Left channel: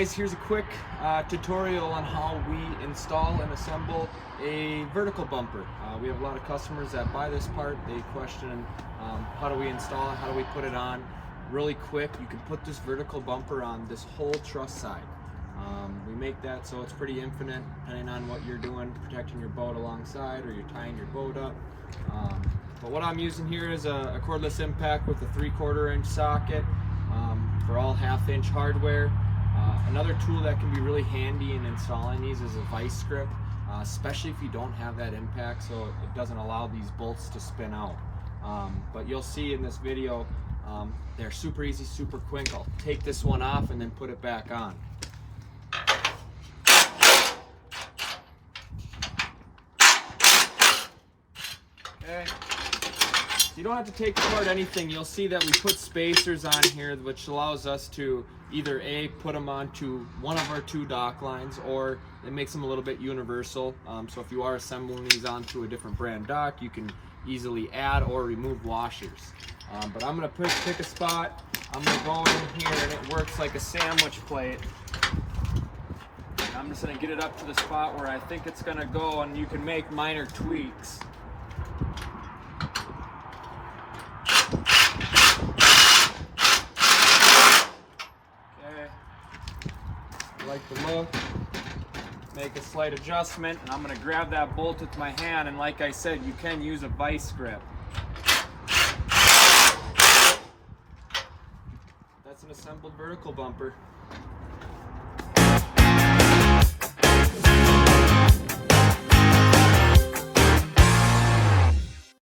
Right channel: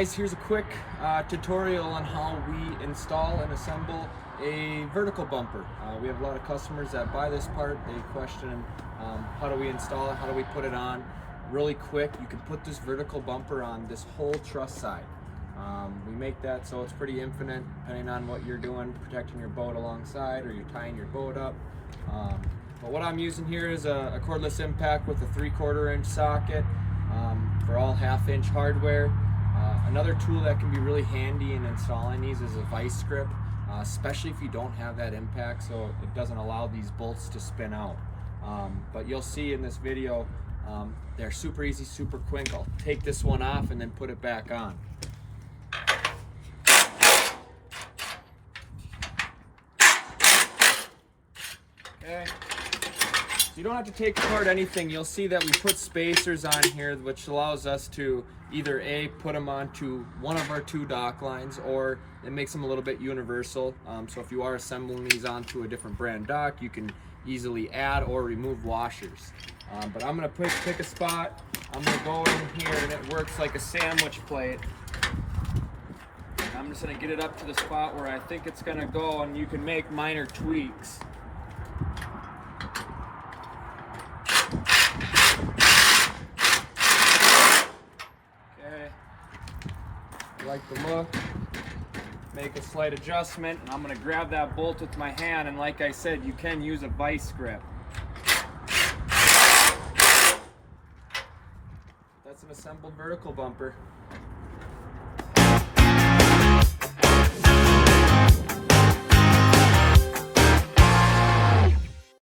guys, here's a quick tutorial on how we install and assemble a vertical bumper. We have a lot of customers that buy this part. They question how do we install it, how do we put it on. Really quick, you can put this vertical bumper on this whole truss side. We make that so it's pretty infinite depending on what you're doing, protecting your boat alongside or you're tying your boat up. But what I'm using here is a cordless impact with a 3/4 inch socket for all 1/2 inch hardware. Another tool that can be really handy in installing these is a vice grip, especially if you don't have that impact, so it doesn't allow these bolts to spin out. But you'll see in this video, they're super easy, super quick. I'll take this one off and then put it back on. Okay. So you don't have to take apart anything. You'll see that we put spacers on here, which allows us to either put them onto one of our 2 dock lines, or it makes them a little bit universal. So if you are assembling these onto a different brand dock, you can easily add or remove washers. But I'm gonna pick a spot. I'm gonna go in here, and it works like a sandwich plate. And I'm just gonna get it up to the spot where I think it's gonna go, and you can make minor tweaks. I like the look, make a slight adjustment, and I'm going to grab that bolt with my hand, and like I said, you can use a vice grip. That's an assembled vertical bumper.